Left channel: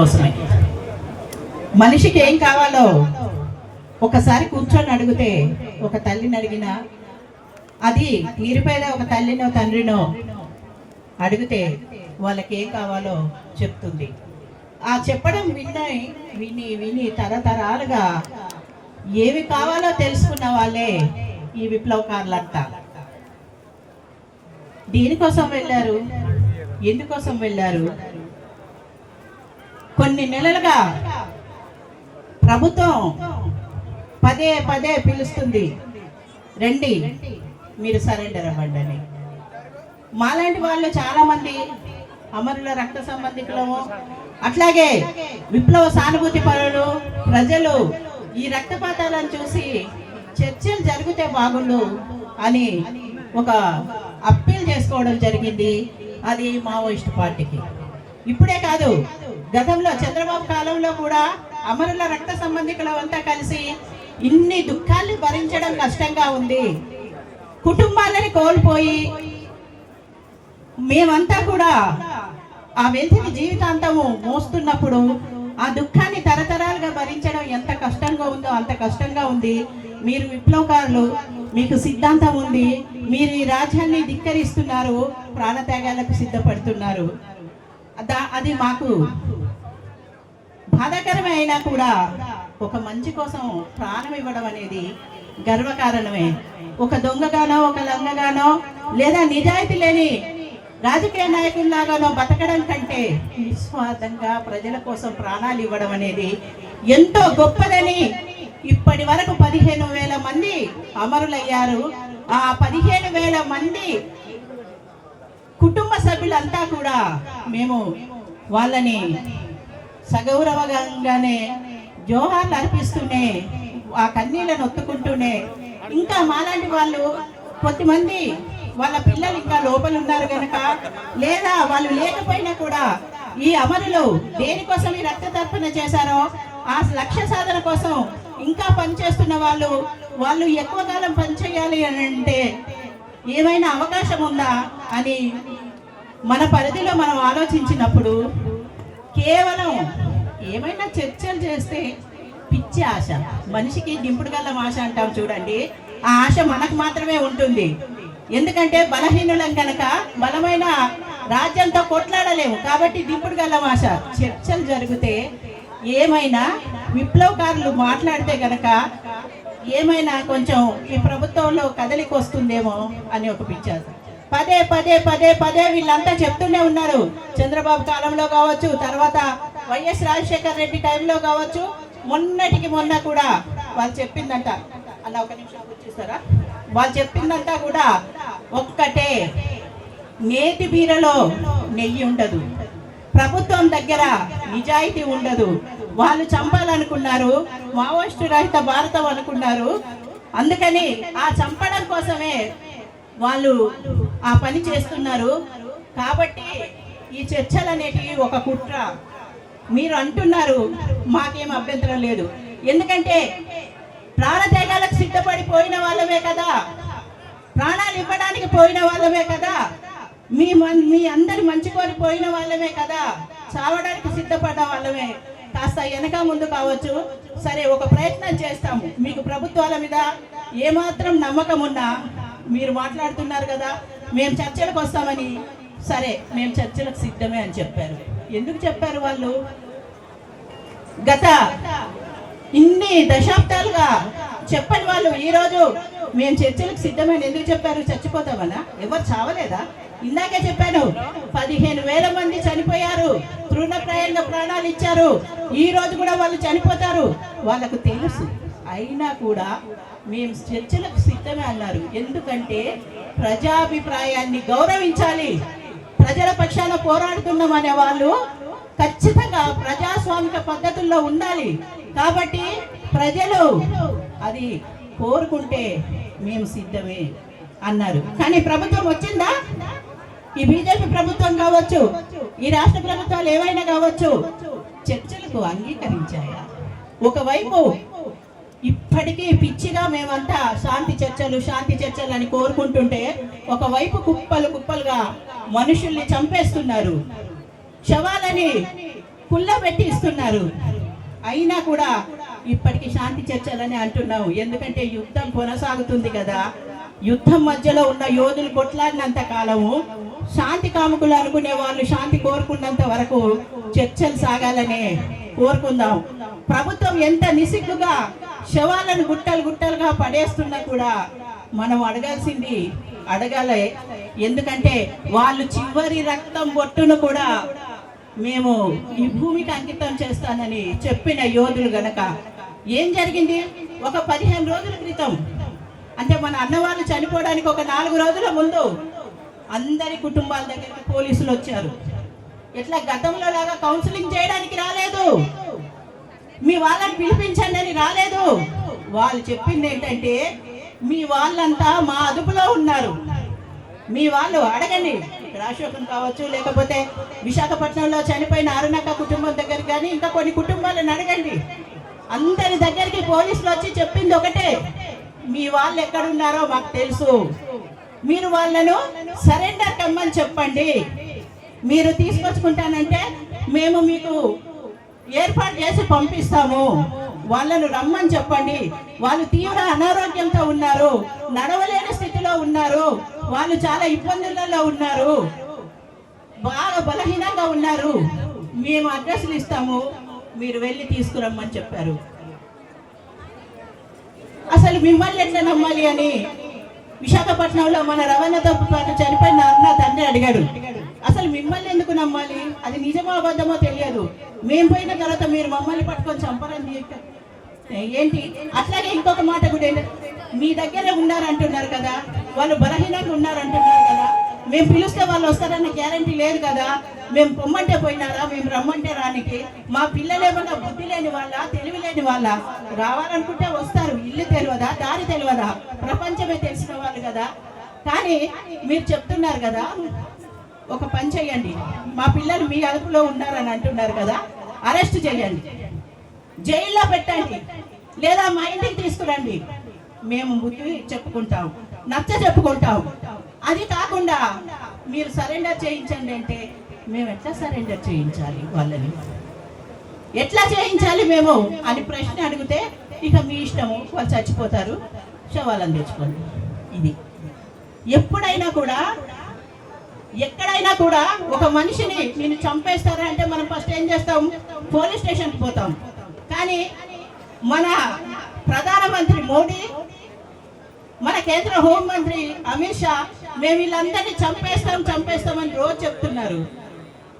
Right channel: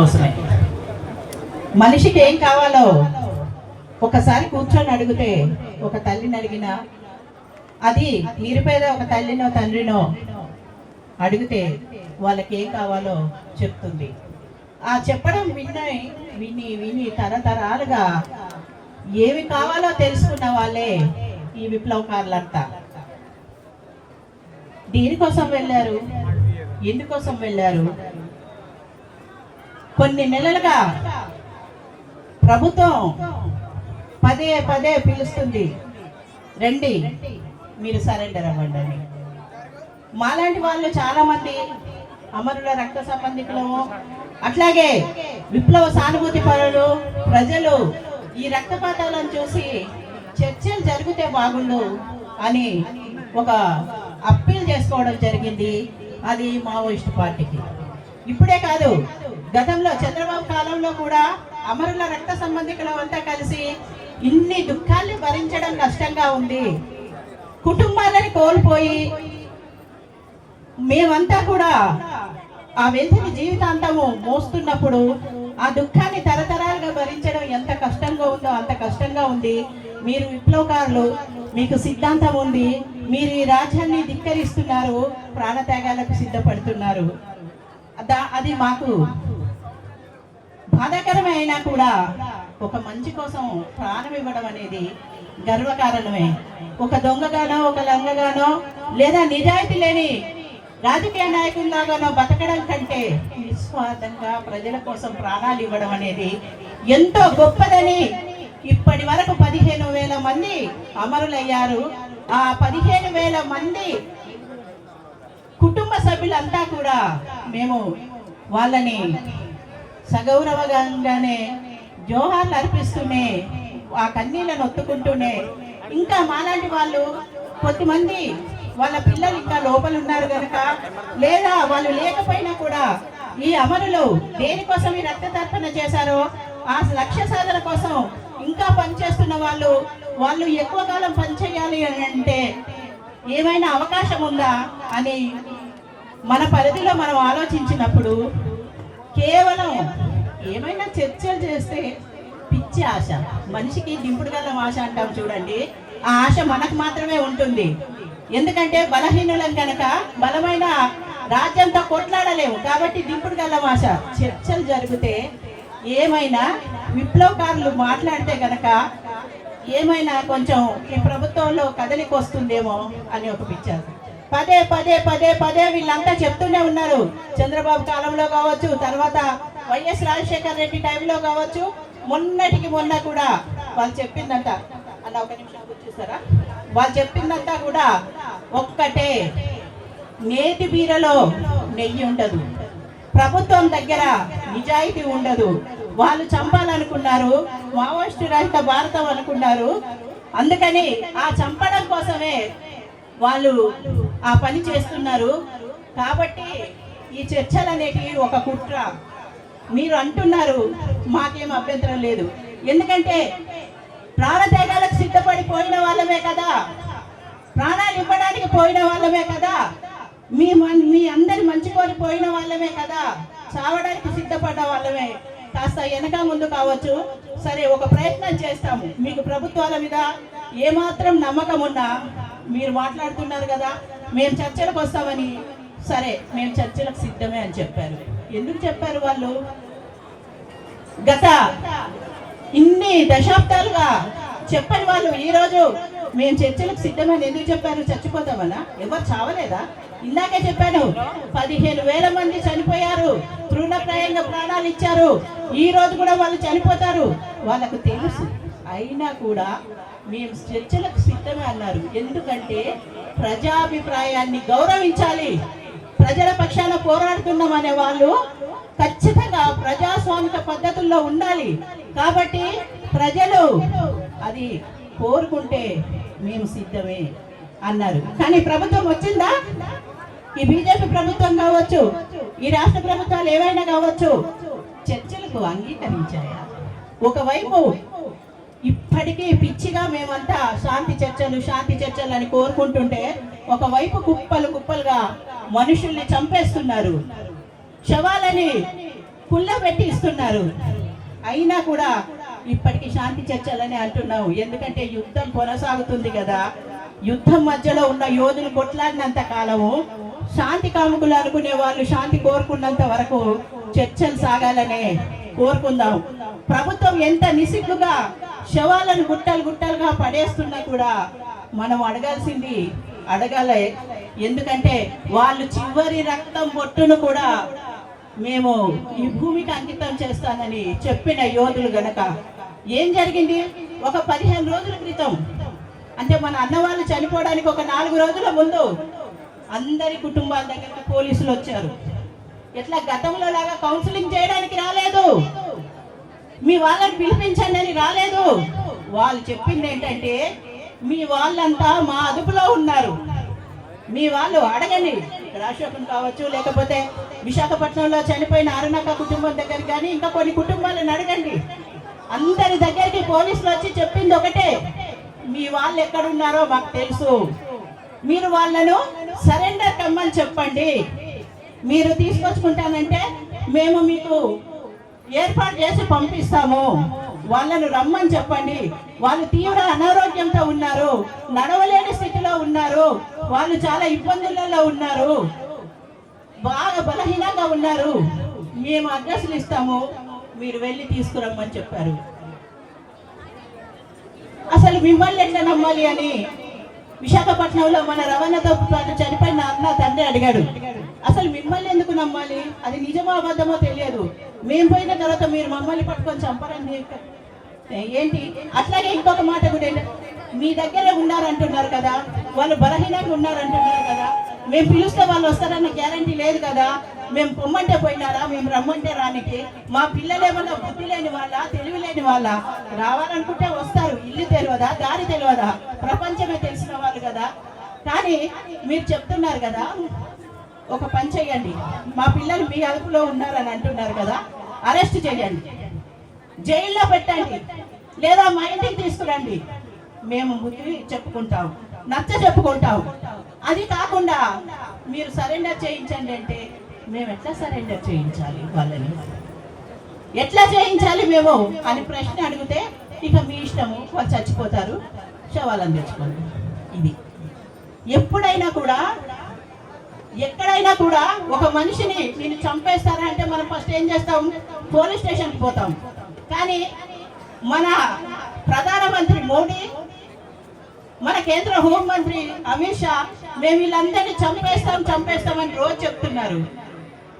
కోసమే. మనిషికి ఏం కావాలో ఒకసారి కూర్చొని అడిగితే ఒక తల్లిని అడిగినా అది నిరుపేద ఒక తల్లినో తండ్రినో? అడిగితే వాళ్ళకి ఏం కావాలో చెప్తుంది. ఆ చెప్పడం విన్నాయి విని విని తరతరాలుగా ఏమి కావాలో తెలుసుకున్న వాళ్ళే ఈ విప్లవకారులంతా. దీనికోసం వెళ్ళారు? ఎందుకోసం వెళ్ళారు? కొన్ని నెలలుగా ప్రభుత్వం పదే పదే పిలుస్తుంది. రండి మీరు సరెండర్ అవ్వండి అని. మాలాంటి వాళ్ళు చాలా మంది అమరుల రక్త సంబంధికులము అట్లాగే విప్లవ సానుభూతి పరులు ప్రజలు ఈ రక్తపాతాలను చూసి చర్చలు జరిగితే బాగుండు అని ఒక అప్పీల్ చేసుకోవడం జరిగింది. అది మావోయిస్ట్ పార్టీకి. ఇప్పుడే కాదు గతంలో చంద్రబాబు కాలంలో కూడా అమరుల రక్త సంబంధికులు అంతా కలిసి ఇన్ని దుఃఖాన్ని భరించడం కష్టంగా ఉంది. కుటుంబాలని కోల్పోయి మేమంతా కూడా ఆ వ్యక్తిని జీవితాంతము మోస్తున్నప్పుడు ఆ దుఃఖాన్ని తరతరాలుగా భరించడం ఎంత కష్టంగా ఉందో అంత కష్టంగా ఉంది. మీరు విప్లవకారులు మీకు సిద్ధాంతం ఉంది. మీరు ఈ రాజ్యాన్ని ధిక్కరిస్తున్నారు ప్రాణత్యాగాలకు సిద్ధపడుతున్నారు. అది మాకు బాధాకరమైనా కూడా ఒక మంచి కోసం ప్రాణం ఇవ్వడం అనేది గర్వకారణమే. ఒక దొంగగానో ఒక లంగగానో లేదా నిజాయితీ లేని రాజకీయ నాయకుల్లాగానో బతకడం కంటే నిస్వార్థంగా ప్రజల కోసం ప్రాణాలు ఇవ్వడం అనేది ఎంతో గొప్పదని ఇప్పటి వరకు పదిహేను వేల మంది అమరులయ్యారు. ఆ పదిహేను వేల మంది కుటుంబ సభ్యులంతా కూడా మేము వాళ్ళని సగౌరవంగానే జోహార్లు అర్పిస్తూనే ఆ కన్నీళ్ళను ఒత్తుకుంటూనే ఇంకా మాలాంటి వాళ్ళు కొద్దిమంది వాళ్ళ పిల్లలు ఇంకా లోపల ఉన్నారు కనుక లేదా వాళ్ళు లేకపోయినా కూడా ఈ అమరులు దేనికోసం ఈ రక్త తర్పణ చేశారో ఆ లక్ష్య సాధన కోసం ఇంకా పనిచేస్తున్న వాళ్ళు వాళ్ళు ఎక్కువ కాలం పనిచేయాలి అని అంటే ఏమైనా అవకాశం ఉందా అని మన పరిధిలో మనం ఆలోచించినప్పుడు కేవలం ఏమైనా చర్చలు చేస్తే పిచ్చి ఆశ. మనిషికి దింపుడు గల్లం ఆశ అంటాం చూడండి. ఆ ఆశ మనకు మాత్రమే ఉంటుంది. ఎందుకంటే బలహీనులం కనుక బలమైన రాజ్యంతో కొట్లాడలేము. కాబట్టి దింపుడు గల్లం ఆశ. చర్చలు జరిగితే ఏమైనా విప్లవకారులు మాట్లాడితే గనక ఏమైనా కొంచెం ఈ ప్రభుత్వంలో కదలికి వస్తుందేమో అని ఒక పిచ్చారు. పదే పదే పదే పదే వీళ్ళంతా చెప్తూనే ఉన్నారు. చంద్రబాబు కాలంలో కావచ్చు తర్వాత వైఎస్ రాజశేఖర్ రెడ్డి టైంలో కావచ్చు మొన్నటికి మొన్న కూడా వాళ్ళు చెప్పిందంట. అన్న ఒక నిమిషం కూర్చోస్తారా వాళ్ళు చెప్పిందంతా కూడా ఒక్కటే. నేతి బీరలో నెయ్యి ఉండదు. ప్రభుత్వం దగ్గర నిజాయితీ ఉండదు. వాళ్ళు చంపాలనుకున్నారు మావోయిస్టు రహిత భారతం అనుకున్నారు. అందుకని ఆ చంపడం కోసమే వాళ్ళు ఆ పని చేస్తున్నారు. కాబట్టి ఈ చర్చలు అనేటివి ఒక కుట్ర. మీరు అంటున్నారు మాకేం అభ్యంతరం లేదు. ఎందుకంటే ప్రాణత్యాగాలకు సిద్ధపడి పోయిన వాళ్ళమే కదా. ప్రాణాలు ఇవ్వడానికి పోయిన వాళ్ళమే కదా. మీ మన్- మీ అందరి మంచి కోరి పోయిన వాళ్ళమే కదా. చావడానికి సిద్ధపడ్డ వాళ్ళమే. కాస్త వెనక ముందు కావచ్చు. సరే ఒక ప్రయత్నం చేస్తాము మీకు ప్రభుత్వాల మీద ఏమాత్రం నమ్మకం ఉన్నా మీరు మాట్లాడుతున్నారు కదా. మేము చర్చలకు వస్తామని. సరే మేము చర్చలకు సిద్ధమే అని చెప్పారు. ఎందుకు చెప్పారు వాళ్ళు? గత ఇన్ని దశాబ్దాలుగా చెప్పని వాళ్ళు ఈ రోజు మేము చర్చలకు సిద్ధమని ఎందుకు చెప్పారు? చచ్చిపోతామనా? ఎవరు చావలేదా? ఇందాకే చెప్పాను పదిహేను వేల మంది చనిపోయారు. తృణప్రాయంగా ప్రాణాలు ఇచ్చారు. ఈ రోజు కూడా వాళ్ళు చనిపోతారు. వాళ్ళకు తెలుసు. అయినా కూడా మేము చర్చలకు సిద్ధమే అన్నారు. ఎందుకంటే ప్రజాభిప్రాయాన్ని గౌరవించాలి. ప్రజల పక్షాన పోరాడుతున్నాం అనే వాళ్ళు ఖచ్చితంగా ప్రజాస్వామిక పద్ధతుల్లో ఉండాలి. కాబట్టి ప్రజలు అది కోరుకుంటే మేము సిద్ధమే అన్నారు. కానీ ప్రభుత్వం వచ్చిందా? ఈ బీజేపీ ప్రభుత్వం కావచ్చు ఈ రాష్ట్ర ప్రభుత్వాలు ఏవైనా కావచ్చు చర్చలకు అంగీకరించాయా? ఒకవైపు ఇప్పటికీ పిచ్చిగా మేమంతా శాంతి చర్చలు శాంతి చర్చలు అని కోరుకుంటుంటే ఒకవైపు కుప్పలు కుప్పలుగా మనుషుల్ని చంపేస్తున్నారు. శవాలని పుల్ల పెట్టిస్తున్నారు అయినా కూడా ఇప్పటికి శాంతి చర్చలని అంటున్నాం. ఎందుకంటే యుద్ధం కొనసాగుతుంది కదా. యుద్ధం మధ్యలో ఉన్న యోధులు కొట్లాడినంత కాలము శాంతి కాముకులు అనుకునే వాళ్ళు శాంతి కోరుకున్నంత వరకు చర్చలు సాగాలనే కోరుకుందాం. ప్రభుత్వం ఎంత నిసిగ్గుగా శవాలను గుట్టలు గుట్టలుగా పడేస్తున్నా కూడా మనం అడగాల్సింది అడగాలే. ఎందుకంటే వాళ్ళు చివరి రక్తం బొట్టును కూడా మేము ఈ భూమికి అంకితం చేస్తానని చెప్పిన యోధులు గనక ఏం జరిగింది? ఒక పదిహేను రోజుల క్రితం. అంటే మన అన్నవాళ్ళు చనిపోవడానికి ఒక నాలుగు రోజుల ముందు అందరి కుటుంబాల దగ్గరికి పోలీసులు వచ్చారు. ఎట్లా గతంలో లాగా కౌన్సిలింగ్ చేయడానికి రాలేదు? మీ వాళ్ళని పిలిపించండి అని రాలేదు. వాళ్ళు చెప్పింది ఏంటంటే మీ వాళ్ళంతా మా అదుపులో ఉన్నారు. మీ వాళ్ళు అడగండి. రాజశోకం కావచ్చు లేకపోతే విశాఖపట్నంలో చనిపోయిన ఆరునక్క కుటుంబం దగ్గర కానీ ఇంకా కొన్ని కుటుంబాలను అడగండి. అందరి దగ్గరికి పోలీసులు వచ్చి చెప్పింది ఒకటే. మీ వాళ్ళు ఎక్కడున్నారో మాకు తెలుసు. మీరు వాళ్ళను సరెండర్ కమ్మని చెప్పండి. మీరు తీసుకొచ్చుకుంటానంటే మేము మీకు ఏర్పాటు చేసి పంపిస్తాము. వాళ్ళను రమ్మని చెప్పండి. వాళ్ళు తీవ్ర అనారోగ్యంతో ఉన్నారు. నడవలేని స్థితిలో ఉన్నారు. వాళ్ళు చాలా ఇబ్బందులలో ఉన్నారు. బాగా బలహీనంగా ఉన్నారు. మేము అడ్రస్లు ఇస్తాము. మీరు వెళ్ళి తీసుకురమ్మని చెప్పారు. అసలు మిమ్మల్ని ఎట్లా నమ్మాలి అని విశాఖపట్నంలో మన రవాణాతో పాటు చనిపోయిన అన్న తండ్రి అడిగాడు. అసలు మిమ్మల్ని ఎందుకు నమ్మాలి? అది నిజమో అబద్ధమో తెలియదు. మేము పోయిన తర్వాత మీరు మమ్మల్ని పట్టుకొని చంపరని చెప్పారు. ఏంటి? అట్లాగే ఇంకొక మాట కూడా ఏంటంటే, మీ దగ్గర ఉన్నారంటున్నారు కదా. వాళ్ళు బలహీనంగా ఉన్నారంటున్నారు కదా. మేము పిలిస్తే వాళ్ళు వస్తారన్న గ్యారంటీ లేదు కదా. మేము పొమ్మంటే పోయినారా? మేము రమ్మంటే రానికి. మా పిల్లలు ఏమన్నా బుద్ధి లేని వాళ్ళ? తెలివి లేని వాళ్ళ? రావాలనుకుంటే వస్తారు. ఇల్లు తెలియదా? దారి తెలియదా? ప్రపంచమే తెలిసిన వాళ్ళు కదా. కానీ మీరు చెప్తున్నారు కదా ఒక పని చేయండి. మా పిల్లలు మీ అదుపులో ఉన్నారని అంటున్నారు కదా అరెస్ట్ చేయండి. జైల్లో పెట్టండి. లేదా మా ఇంటికి తీసుకురండి. మేము బుద్ధి చెప్పుకుంటాం నచ్చ చెప్పుకుంటాం. అది కాకుండా మీరు సరెండర్ చేయించండి అంటే మేము ఎట్లా సరెండర్ చేయించాలి వాళ్ళని? ఎట్లా చేయించాలి మేము అని ప్రశ్న అడిగితే ఇక మీ ఇష్టము వాళ్ళు చచ్చిపోతారు. శవాలను తెచ్చుకోండి. ఇది. ఎప్పుడైనా కూడా ఎక్కడైనా కూడా ఒక మనిషిని నేను చంపేస్తారా అంటే మనం ఫస్ట్ ఏం చేస్తాం? పోలీస్ స్టేషన్కి పోతాం. కానీ మన ప్రధానమంత్రి మోడీ మన కేంద్ర హోంమంత్రి అమిత్ షా మేము వీళ్ళందరినీ చంపేస్తాం చంపేస్తామని రోజు చెప్తున్నారు.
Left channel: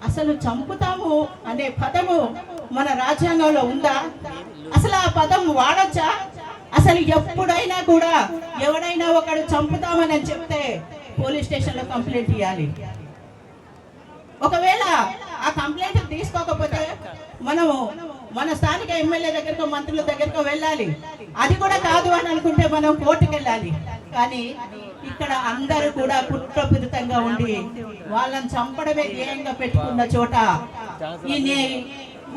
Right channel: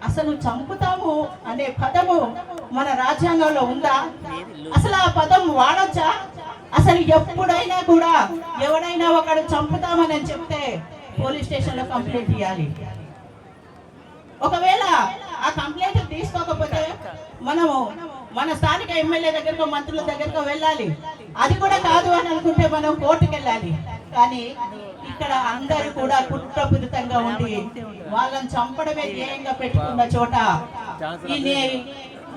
అసలు చంపుతాము అనే పదము మన రాజ్యాంగంలో ఉందా? అసలు ఆ పదం వాడొచ్చా? అసలు ఎప్పుడైనా కూడా ఎవడైనా ఒకడు చంపుతామని చెప్తే పోలీస్ స్టేషన్లో కంప్లైంట్ ఇవ్వాలి ఒకవేళ ఆ కంప్లైంట్ తీసుకోకపోతే మనము మన స్థానిక ఎమ్మెల్యే దగ్గరకు మంత్రుల దగ్గరకు వెళ్ళాలి. అది కూడా కాదు అని అనుకుంటే మనం కోర్టుకు వెళ్ళాలి. కానీ ఇక్కడ అందరూ కూడా కుట్రపూరితంగా ఉండి వాళ్ళని చంపడమే ధ్యేయంగా పెట్టుకున్న చోట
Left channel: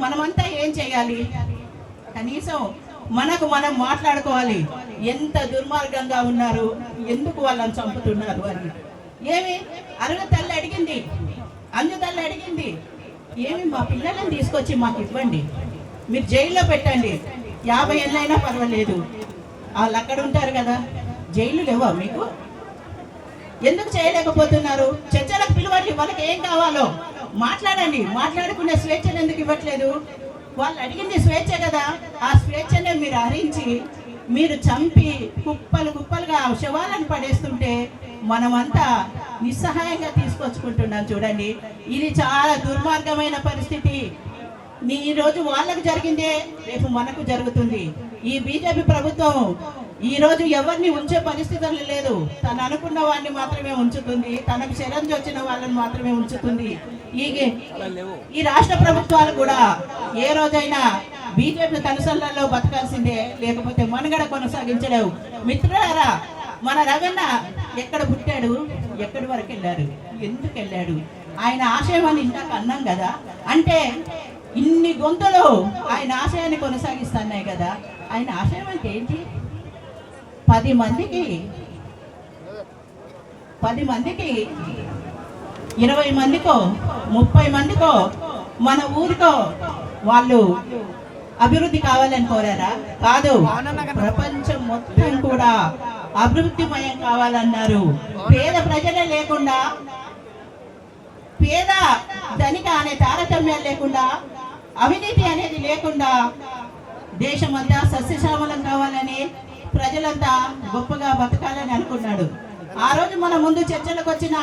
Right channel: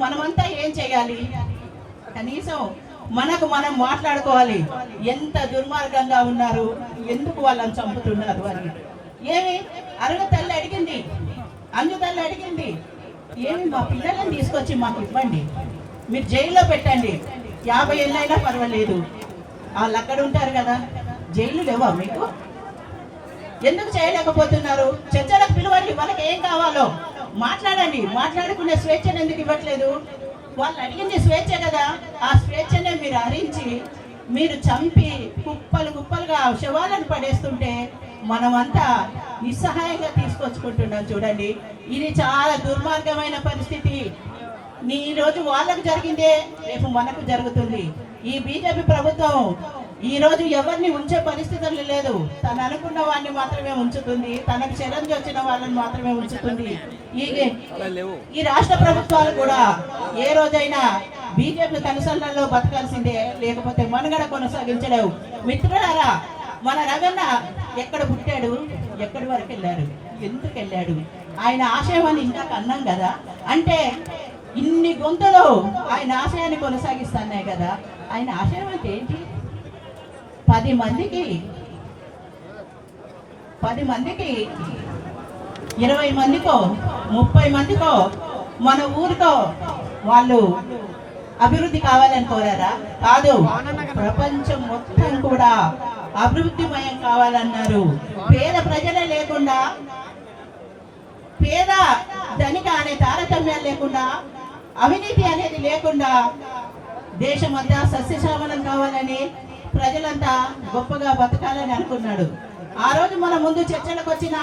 మనమంతా ఏం చేయాలి? కనీసం మనకు మనం మాట్లాడుకోవాలి. ఎంత దుర్మార్గంగా ఉన్నారు ఎందుకు వాళ్ళని చంపుతున్నారు అని. ఏమి? అరుణ తల్లి అడిగింది. అంజు తల్లి అడిగింది. ఏమి మా పిల్లలను తీసుకొచ్చి మాకు ఇవ్వండి. మీరు జైల్లో పెట్టండి. యాభై ఏళ్ళైనా పర్వాలేదు. వాళ్ళు అక్కడ ఉంటారు కదా. జైలు లేవా మీకు? ఎందుకు చేయలేకపోతున్నారు? చర్చలకు పిలవండి వాళ్ళకి ఏం కావాలో? మాట్లాడండి. మాట్లాడుకునే స్వేచ్ఛను ఎందుకు ఇవ్వట్లేదు? వాళ్ళు అడిగింది స్వేచ్ఛ కదా. ఆ స్వేచ్ఛనే మీరు హరించి మీరు చంపి కుప్పలు కుప్పలుగా శవాలను పడేస్తుంటే మనమంతా నిస్సహాయంగా తీసుకొచ్చుకుంటున్నాం చూడండి. ఇది చాలా దుర్మార్గమైన పరిస్థితి. నీ ఈరోజు వాళ్ళకు జరిగిందే రేపు మనకు జరుగుతుంది. ఈ బీజేపీ ప్రభుత్వం ఈరోజు ఎవరిని ఉంచే పరిస్థితులు లేదు. తను అనుకున్న వాడిని మాత్రమే ఉంచుతుంది. తనకు శరం వచ్చిన వాళ్ళని మాత్రమే ఉంచుతుంది. ఈ రాష్ట్ర ప్రభుత్వాలు కూడా ఏ రోజైనా బీజేపీ కనుసల్లో బతకాల్సిందే లేకపోతే మనుగడ కొనసాగించలేవు. మిత్రులారా మన రవణ ఎక్కడ పుట్టాడు? ఎక్కడి వరకు వెళ్ళారు ఎందుకు వెళ్ళాడు? ఆయన ఆశయం అని ఇంకా అన్నాం కదా? అంటే ఇన్ని గొంతులు ఆయన ఆశయాన్ని కొనసాగిస్తున్నాయి కదా? ఆయన ఆశయం అంటే ఏంటి? పది మందికి పది మందికి ఇరవై మందికో ముప్పై మందికో మన ఊరితో వాళ్ళు అభివృద్ధి కావాలని కోరారా? కాదు. ప్రపంచం మొత్తం కూడా అభివృద్ధిమయం కావాలన్నారు. పేద ప్రజలే లేకుండా పేద ధనిక అనే తారతమ్యాలు లేకుండా అవినీతి అనేది లేకుండా దేశమంతా సస్యశ్యామలం కావాలని ప్రజలంతా గొప్పగా బతకాలని అనుకున్నాడు. ఆ రోజు మన ముందు చర్చలకు వచ్చిన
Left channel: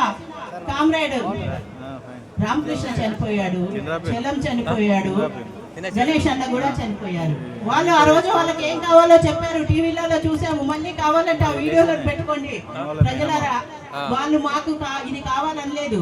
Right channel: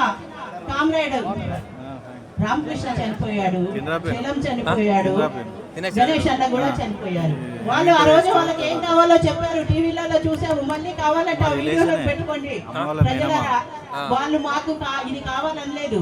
కామ్రేడ్. రామకృష్ణ చనిపోయాడు. చెల్లం చనిపోయాడు. గణేష్ అన్న కూడా చనిపోయారు. వాళ్ళు ఆ రోజు వాళ్ళకి ఏం కావాలో చెప్పారు. టీవీలలో చూసాము. మళ్ళీ కావాలంటే ఆ వీడియోలో పెట్టుకోండి. ప్రజలరా వాళ్ళు మాకు ఇది కావాలని లేదు.